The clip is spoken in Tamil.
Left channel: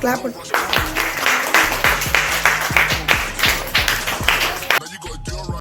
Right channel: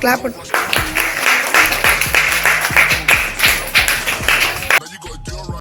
கிளாப்